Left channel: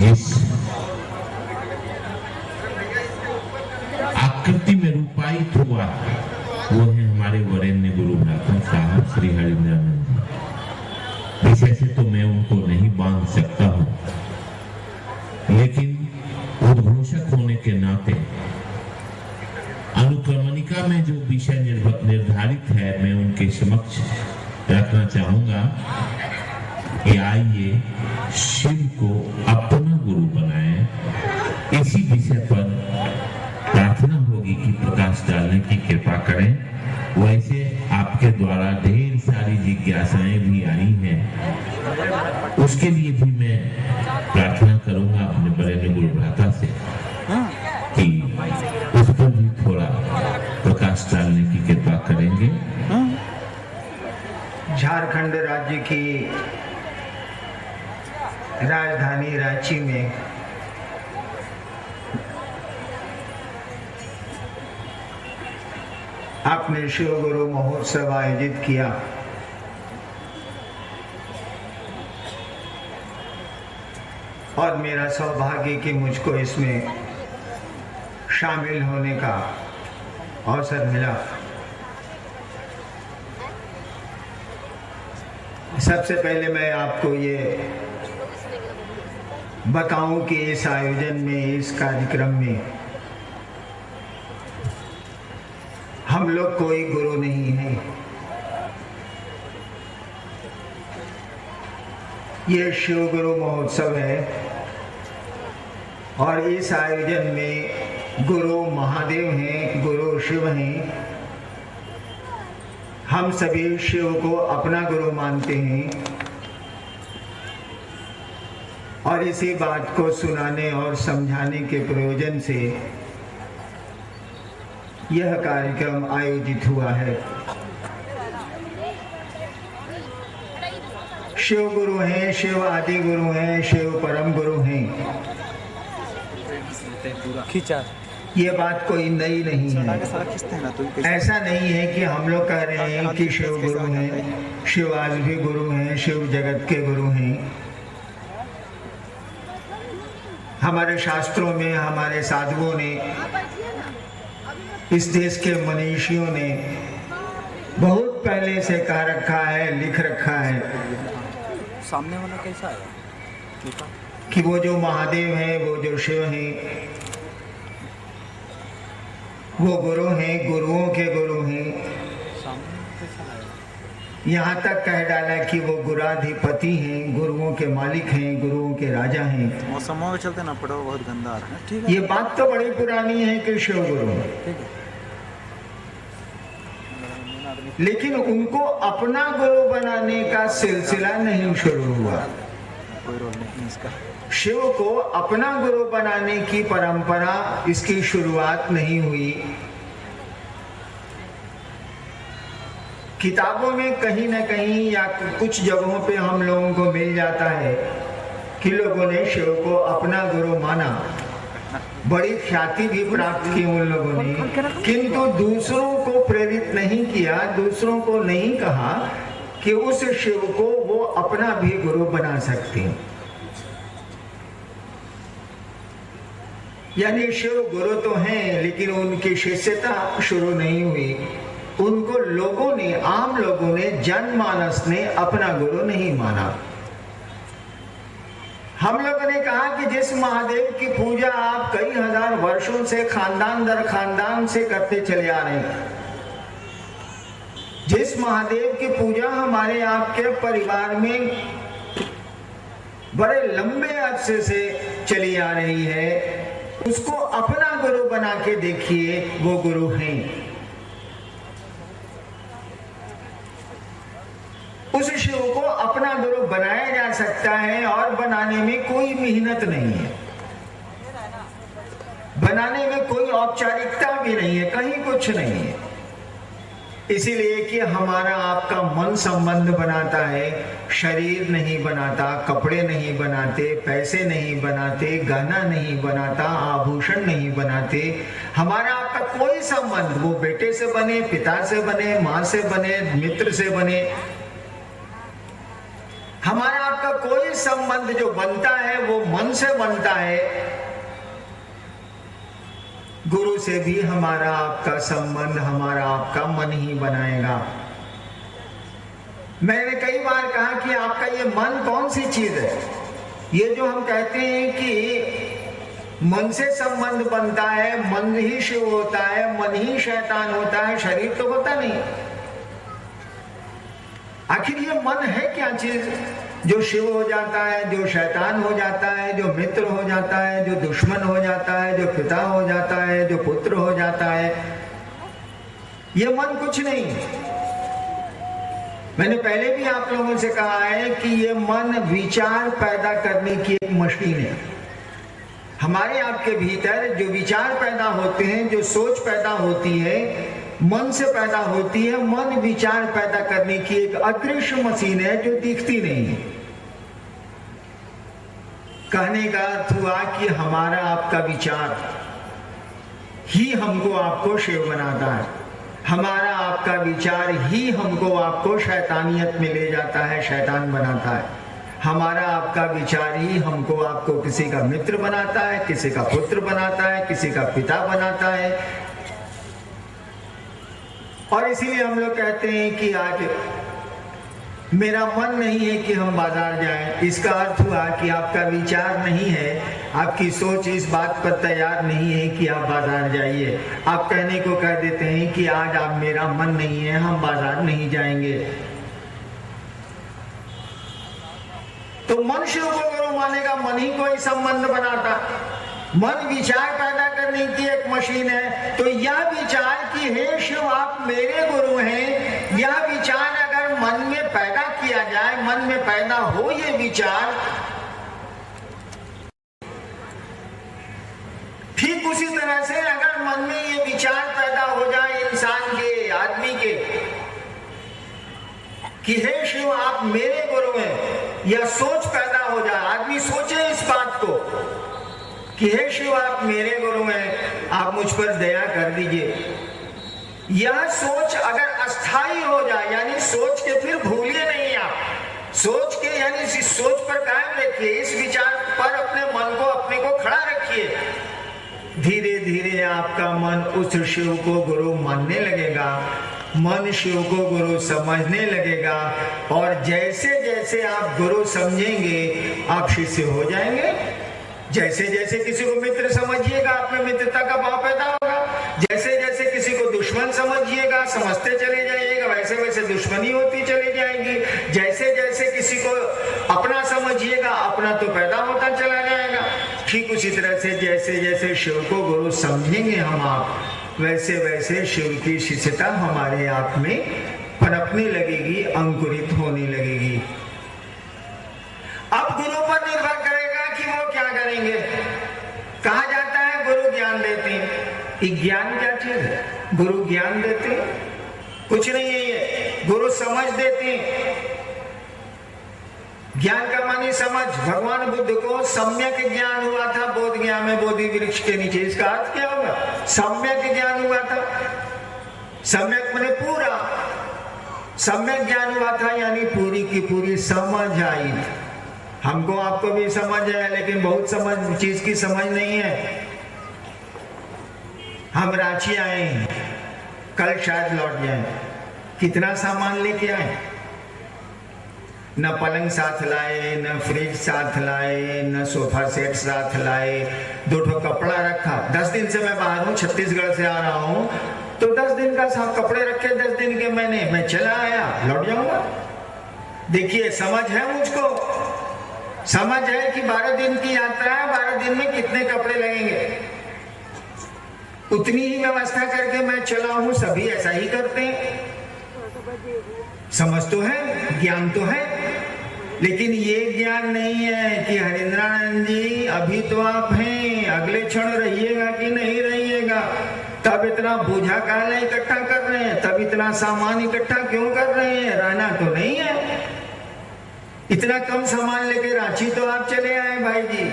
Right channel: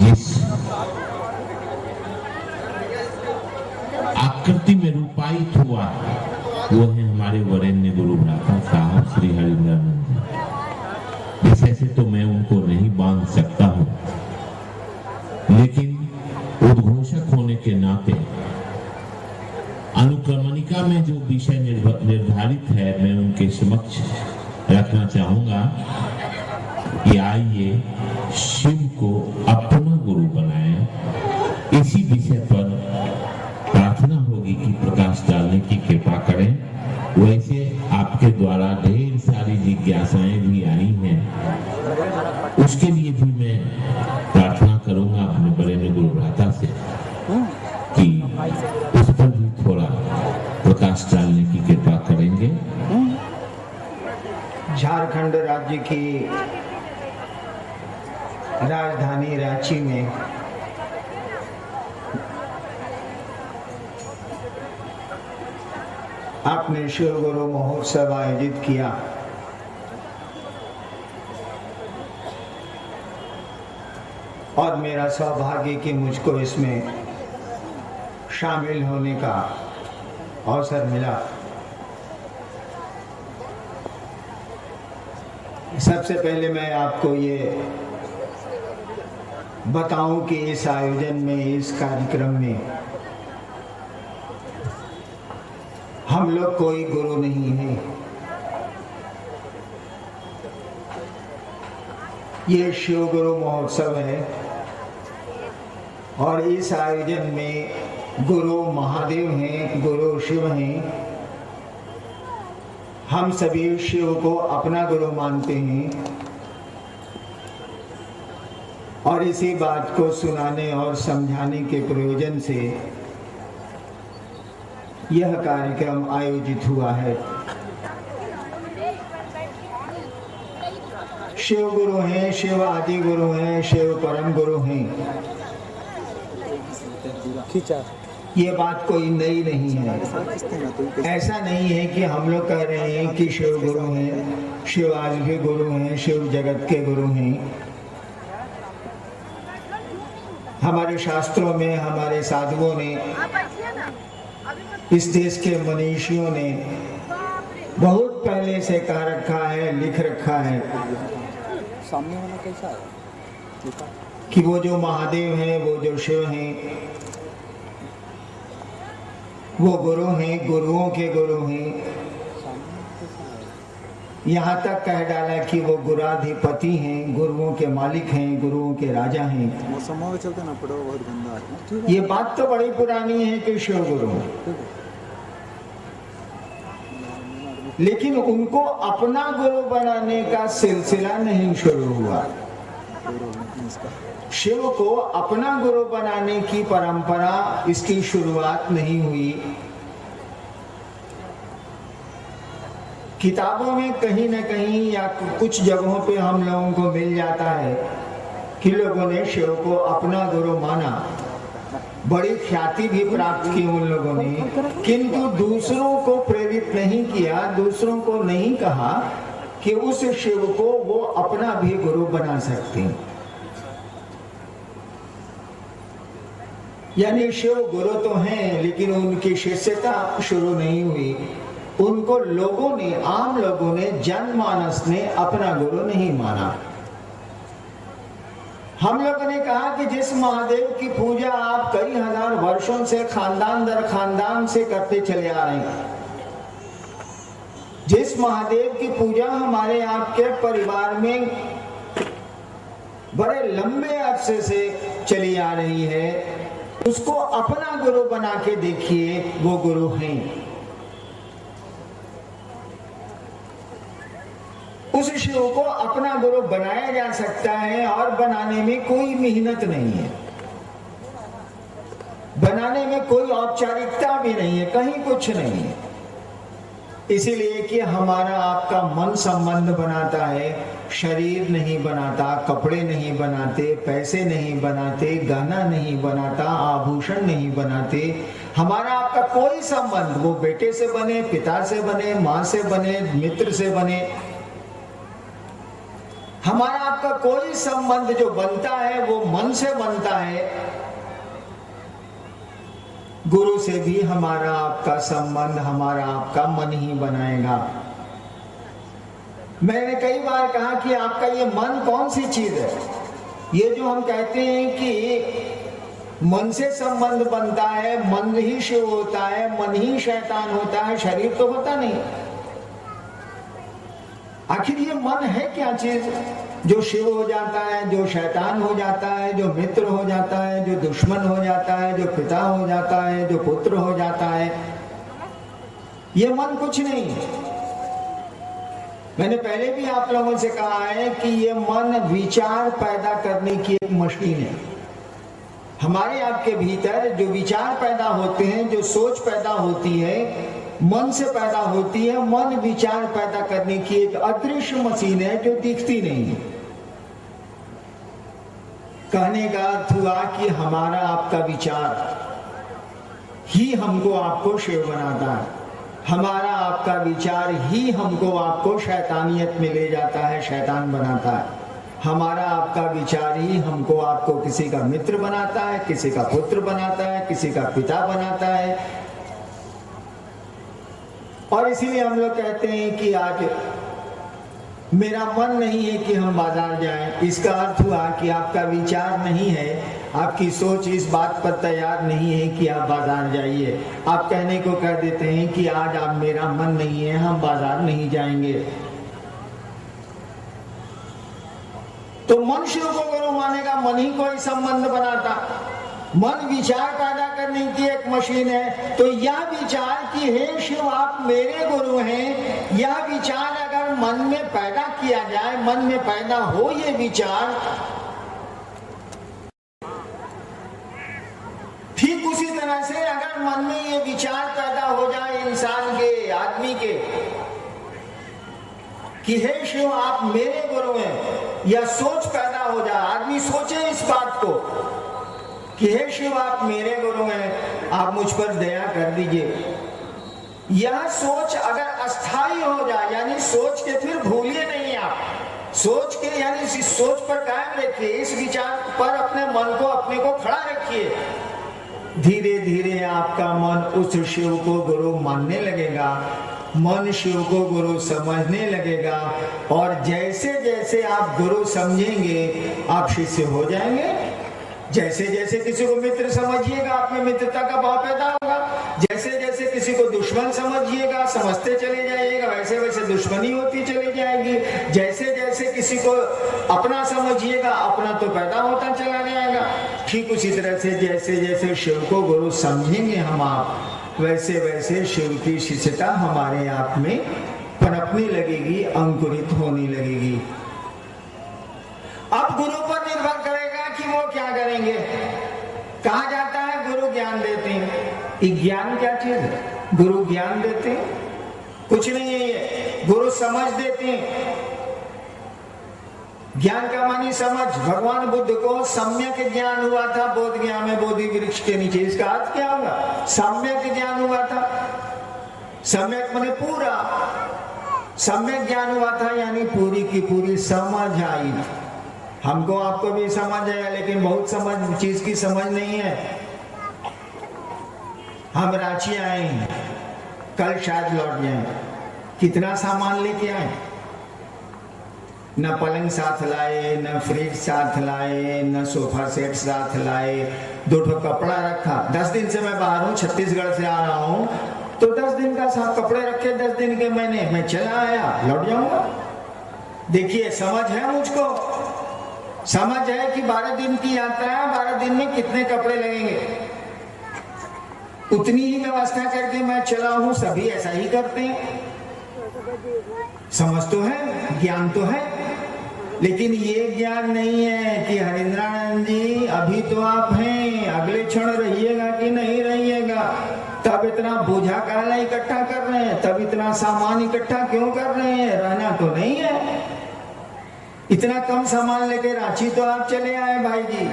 जिस आकृति में रूपायित हुआ वो है हमारे वरेण्य गुरु भ्राता साहब श्री हरिंद्रानंद जी। विषय से तो मैं उनको नहीं बांध सकता हूं, लेकिन उद्घोषक होने के नाते अनुक्रमणिका में जो विषय निर्धारित है मैं उनके समक्ष रखना चाहूंगा कि आइए शिव को अपना गुरु बनाएं। इसी विषय पर प्रार्थना होगी कि प्रकाश डालने की कृपा करें। वैसे आपके द्वारा ढेर सारी जिज्ञासाएं भी आई हैं, उसके लिए भी मैं प्रार्थना करूंगा अपने वरेण्य गुरु भ्राता से कि उस पर भी थोड़ा प्रकाश डालने की कृपा करेंगे। झारखंड राज्य की राजधानी रांची में आपने शिव गुरु महोत्सव आयोजित किया। और मेरा सौभाग्य कि मुझको इसमें शामिल होने का अवसर मिला। सबसे पहले मैं आपको ये बताऊं कि इस आयोजन में, इस कार्यक्रम में हम लोग कोई गुरु नहीं है। ये शिव गुरु महोत्सव है और इस आयोजन में गुरु महादेव हैं, गुरु शिव हैं। हम सभी शिव को अपना गुरु मानते हैं और इसी बात को सुनाने और समझाने के प्रयोजन से यह कार्यक्रम आयोजित हुआ है। शिव गुरु हैं, शिव आदि गुरु हैं, शिव परम गुरु हैं। ये बात कोई नई नहीं है। ऐसा नहीं है कि हम लोग कह रहे हैं कि शिव गुरु हैं, शिव आज भी गुरु हैं, शिव जगत के गुरु हैं। हमारे शास्त्रों में, हमारे साधुओं ने, इस देश के मनीषियों ने बहुत पहले से कह रखा है, लिख रखा है सामने वाला कैसा है कि वो जो महादेव हैं, वो जो शिव हैं, वो गुरु हैं, गुरुओं के गुरु हैं। यहाँ तक कह डाला कि वो गुराधिपति हैं, गुरुओं के मालिक हैं, गुरुओं के राजा हैं। मौसम में चलते ना पड़ो, बहुत गंदा है। ये बात तो बड़ी पुरानी है कि शिव गुरु, लेकिन उनको अपना गुरु बनाने का सिलसिला नहीं शुरू हुआ। शिव को अपना गुरु बनाने की परंपरा, इसकी शुरुआत नहीं हुई। किताबों में कहीं न कहीं या कुछ जगहों पे हम लोगों को मिल जाता है कि लोगों ने शिव को अपना गुरु माना, बड़ी ख्याति भी प्राप्त की उन लोगों ने, किंतु दूसरों को प्रेरित नहीं किया, दूसरों को नहीं कहा कि उस शिव को वो अपना भी गुरु बना सकते हैं। यानी शिव गुरु तो हैं, लेकिन उनकी शिष्यता शुरू नहीं हुई। उनको लोगों ने, आम लोगों ने, जनमानस ने अपना गुरु नहीं माना। हम लोगों ने कहा कि जिस महादेव की पूजा आप कई हजार वर्षों से खानदान दर खानदान से करते चले आ रहे हैं, जिस महादेव की पूजा हमारे आपके परिवार में बड़े लंबे अरसे से चली आ रही है, उसको अपना गुरु बना के देखिए, वो गुरु हैं। उस शिव को अपना गुरु बनाया जा सकता है और बनाने में कोई मेहनत नहीं है, बनाने में कोई औपचारिकता भी नहीं है, कहीं कुछ नहीं है। इसीलिए कि हमारा आपका मन संबंध बनाता है, शरीर नहीं बनाता, कपड़े नहीं बनाते, पैसे नहीं बनाते, गहना नहीं बनाता, आभूषण नहीं बनाते। हमारा आपका कोई संबंध, वो बेटे से बने, पिता से बने, माँ से बने, मित्र से बने, हमारा आपका कोई संबंध जो बनता है वो मन से बनता है। गुरु से भी हमारा आपका संबंध हमारा आपका मन ही बनाएगा। मैंने कई बार कहा कि आपका ये मन कौन सी चीज है? ये जो हम कहते हैं कि मन से संबंध बनता है, मन ही शिव होता है, मन ही शैतान होता है, शरीर तो होता नहीं। आखिर ये मन है क्या चीज जो शिव हो जाता है, जो शैतान हो जाता है, जो मित्र हो जाता है, जो दुश्मन हो जाता है, जो पिता हो जाता है, जो पुत्र हो जाता है? ये मन कुछ नहीं। मैंने पहले भी आप लोगों से कहा है कि ये मन विचार पैदा करने की एक मशीन है। हमारे आपके भीतर जो विचार पैदा होते हैं, जो सोच पैदा होती है, मन से पैदा होती है। मन विचार पैदा करने की एक अदृश्य मशीन है जो दिखती नहीं है। कहने का अर्थ हुआ कि हमारा आपका विचार ही हमको आपको शिव बनाता है। हमारा आपका विचार ही हमको आपको शैतानियत में ले जाता है, शैतान बनाता है। हमारा आपका विचार ही हमको आपको किसी का मित्र बनाता है, किसी का पुत्र बनाता है, किसी का पिता बनाता है। और इसीलिए हम लोग कहते हैं कि आज मेरा मन नहीं है कि हम बाजार जाएं। इसका अर्थ हुआ कि आपका विचार नहीं है, आपकी सोच इस बात पर तैयार नहीं है कि आप बाजार जाइए। आप कहने को कह देते हैं कि आज आप मेरा मन नहीं है, हम बाजार नहीं जाएंगे। तो मन शिव को गुरु मानेगा, मन ही कोई संबंध बनाता। मन विचार पैदा करने की एक मशीन है। तो यह विचार कि हे शिव आप मेरे गुरु हैं, यह विचार अगर मन में पैदा किया जाए, मन में पैदा हो ये विचार, ठीक उसी तरह से अगर मन में ये विचार पैदा हो जाए इंसान के, आदमी के, कि हे शिव आप मेरे गुरु हैं, या सोच पैदा हो जाए, आदमी सोचे इस बात को कि हे शिव आप मेरे गुरु हैं, आप मुझ पर दया कर दीजिए। यह सोच अगर अस्थाई हो जाए, यानी सोच के फिर भूलिए नहीं, आप सोच के यानी इस सोच पर कायम रखिए, इस विचार पर अपने मन को अपने को खड़ा रखिए। धीरे धीरे आपका मन उस शिव को गुरु मानने लगेगा, मन शिव को गुरु समझने लगेगा। और जैसे जैसे आप गुरु समझेंगे आप शिष्य हो जाएंगे। जैसे जैसे किसी को मित्र समझिएगा अपने मित्रता का भाव पैदा होगा, जैसे जैसे किसी को दुश्मन समझिएगा, समझते चले जाइएगा, वैसे वैसे दुश्मनी होती चली जाएगी। जैसे जैसे किसी को अपना समझिएगा, अपना तो पैदा होता चला जाएगा। ठीक उसी तरह से जैसे जैसे शिव को गुरु समझेंगे हम आप, वैसे वैसे शिव की शिष्यता हमारे आप में पनपने लगेगी, अंकुरित होने लगेगी। अब गुरु पर निर्भर करेगा कि वो क्या करेंगे। कहा जाता है गुरु ज्ञान देते हैं। ज्ञान क्या चीज है? गुरु ज्ञान देते हैं? कुछ नहीं है ये। गुरु समझ देते हैं। ज्ञान का मानी समझ। भगवान बुद्ध को सम्यक ज्ञान हुआ था बोध ज्ञान में, बोधि वृक्ष के नीचे। इसका अर्थ क्या होगा? सम्यक ज्ञान हुआ था। सम्यक माने पूरा। सम्यक ज्ञान हुआ था यानी पूरी की पूरी समझ आई। हमको आपको भी समझ है, लेकिन बहुत समझ चीज की समझ नहीं है। हम रांची आए हैं, कल शायद लौट जाएं। कितना सामान लेके आए? न पलंग साथ लाए, न फ्रिज साथ लाए, न सोफा सेट साथ लाए। 2 ठो कपड़ा रखा। 10 दिन से मैं बाहर हूँ, छत्तीसगढ़ से आ रहा हूँ, तो 10 दिन का साथ कपड़े रखे। 10 दिन के मैं चला आया, लौट जाऊंगा। देखिए समझ है मुझको, समझ है कि 12 दिन की यात्रा है, 12 दिन में कितने कपड़े लगेंगे, उतनी ही व्यवस्था करके मैं चला हूं। सभी ऐसा ही करते हैं। समझ तो है, ज्ञान तो है, लेकिन ये ज्ञान नहीं है कि हरिंद्रानंद जी अभी तो आप हैं, अगले क्षण रहिएगा कि नहीं रहिएगा, तब इतना बोझा काला इकट्ठा कर रहे हैं, तब इतना सामान इकट्ठा क्यों कर रहे हैं? रहना तो नहीं है। इतना कम सामान लेके रांची तो आप चले आए भाई जी।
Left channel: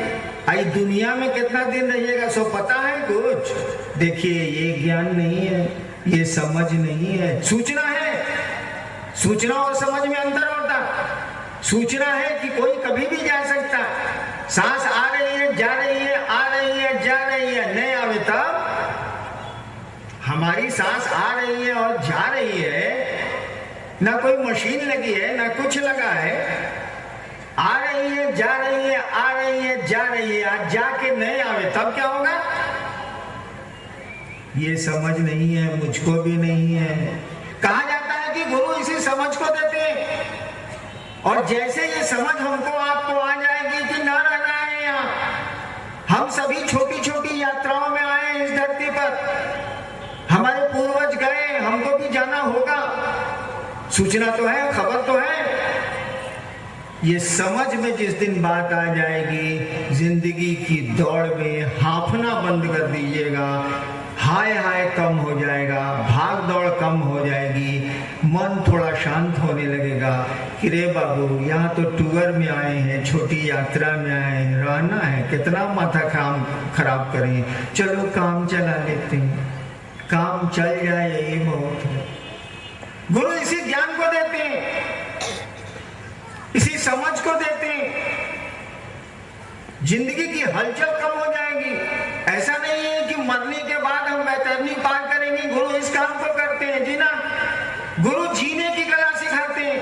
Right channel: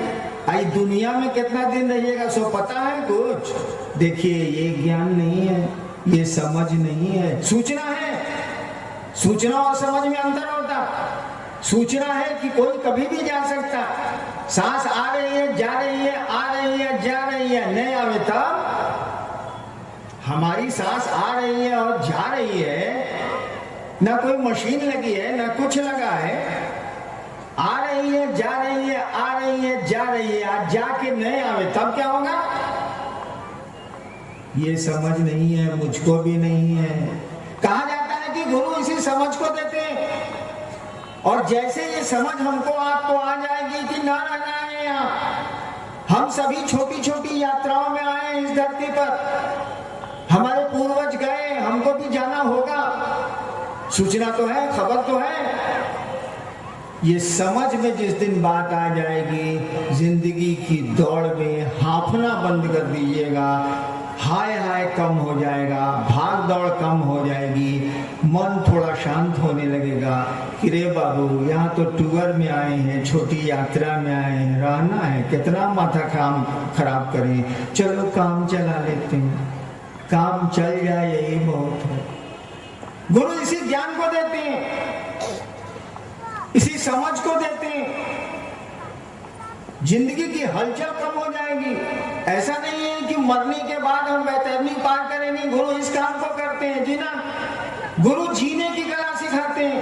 आई दुनिया में कितना दिन रहिएगा सो पता है कुछ? देखिए ये ज्ञान नहीं है, ये समझ नहीं है। सूचना है, सूचना और समझ में अंतर होता। सूचना है कि कोई कभी भी जा सकता है। सांस आ रही है, जा रही है, आ रही है, जा रही है, नहीं आवे तब हमारी सांस आ रही है और जा रही है, ना कोई मशीन लगी है ना कुछ लगा है, आ रही है, जा रही है, आ रही है, जा रही है, आज जाके नहीं आवे तब क्या होगा? ये समझ नहीं है, मुझको भी नहीं है। कहा जाता है कि गुरु इसी समझ को देते हैं, और जैसे ये समझ हमको आपको आ जाएगी कि ना रहना है यहाँ, हम सभी छोटी छोटी यात्राओं में आए इस धरती पर, हमारे पूर्वज गए, हमको भी जाना होगा, सूचना तो है, खबर तो है। ये समझ में जिस दिन बात आ जाएगी, जिंदगी की दौड़ में हांफना बंद कर दीजिएगा, हाय हाय कम हो जाएगा, भाग दौड़ कम हो जाएगी, मन थोड़ा शांत होने लगेगा कि रे बाबू यहाँ तो टूर में आए हैं, छोटी यात्रा में आए हैं, रहना है, कितना माथा खराब करें, चलो काम चला लेते हैं, काम चल जाए यही बहुत है। गुरु इसी ज्ञान को देते हैं, इसी समझ को देते हैं, जिंदगी की हलचल कम हो जाएगी। ऐसा नहीं है कि मरने के बाद हम बैतरनी पार करेंगे, गुरु इस काम को करते हैं जी ना। गुरु जीने की कला सिखाते हैं।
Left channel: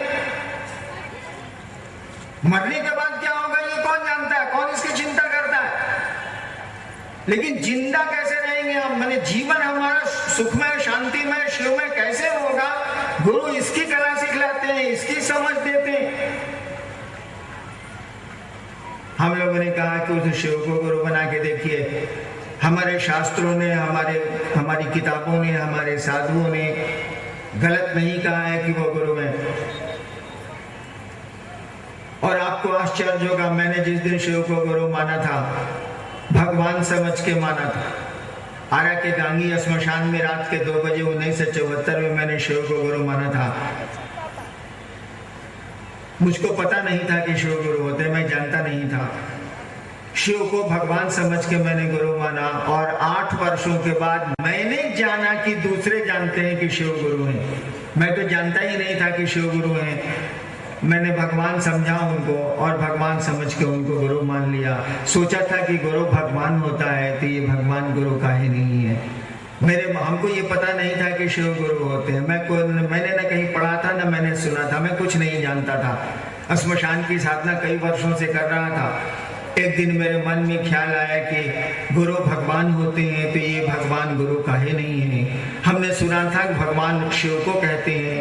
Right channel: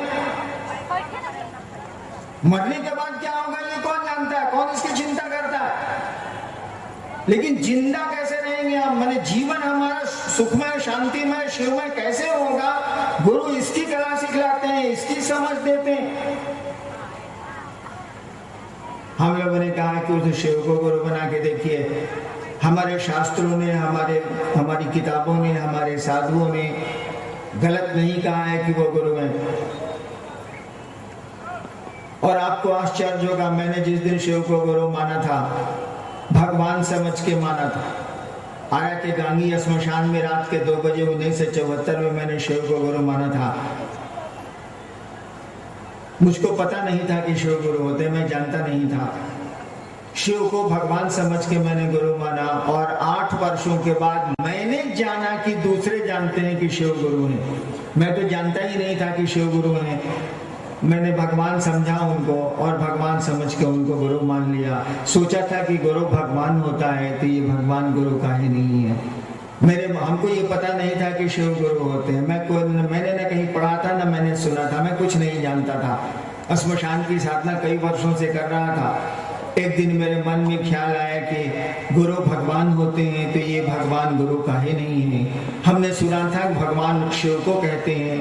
मरने के बाद क्या होगा ये कौन जानता है, कौन इसकी चिंता करता है, लेकिन जिंदा कैसे रहेंगे हम, माने जीवन हमारा सुखमय, शांतिमय, शिवमय कैसे होगा, गुरु इसकी कला सिखलाते हैं, इसकी समझ देते हैं। हम लोगों ने कहा कि उस शिव को गुरु बना के देखिए। हमारे शास्त्रों ने, हमारी किताबों ने, हमारे साधुओं ने गलत नहीं कहा है कि वो गुरु हैं। और आपको आश्चर्य होगा, मैंने जिस दिन शिव को गुरु माना था, भगवान समझ के माना था। आरा के गांगी श्मशान में रात के 2 बजे 1974 में मैंने शिव को गुरु माना था। मुझको पता नहीं था कि शिव गुरु होते, मैं जानता नहीं था। शिव को भगवान समझ के मैंने गुरु माना, और 8 वर्षों के बाद मैंने जाना कि दूसरे जानते हैं कि शिव गुरु हैं। मैं तो जानता ही नहीं था कि शिव गुरु हैं। मैंने भगवान समझा उनको, और भगवान समझ के उनको गुरु मान लिया। सोचा था कि गुरु भगवान होता है तो ये भगवान गुरु काहे नहीं है। हमको ये पता नहीं था कि शिव गुरु होते हैं। मैंने न कहीं पढ़ा था, न मैंने सुना था, मैं कुछ नहीं जानता था। श्मशान की साधना कई वर्षों से कर रहा था। एक दिन मेरे मन में ख्याल आया कि गुरु भगवान होते हैं तो ये भगवान गुरु काहे नहीं है। हमने सुना था भगवान शिव को कहते हैं,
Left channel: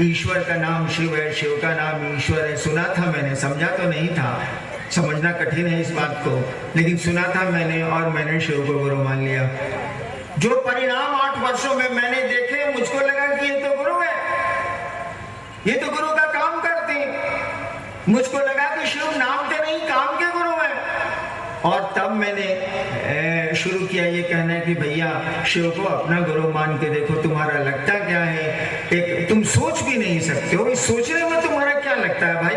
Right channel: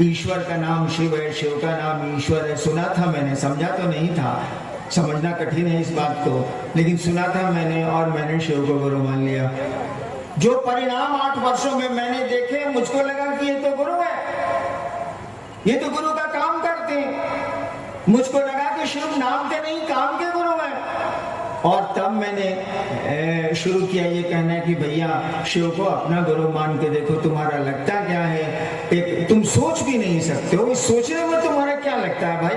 ईश्वर का नाम शिव है, शिव का नाम ईश्वर है। सुना था मैंने, समझा तो नहीं था, समझना कठिन है इस बात को, लेकिन सुना था मैंने, और मैंने शिव को गुरु मान लिया। जो परिणाम 8 वर्षों में मैंने देखे, मुझको लगा कि ये तो गुरु है, ये तो गुरु का काम करते हैं। मुझको लगा कि शिव नाम के नहीं, काम के गुरु है। और तब मैंने शुरू किया ये कहना कि भैया शिव को अपना गुरु मान के देखो, तुम्हारा लगता क्या है। एक तुम सोच भी नहीं सकते हो, इस सोचने में तुम्हारा क्या लगता है भाई।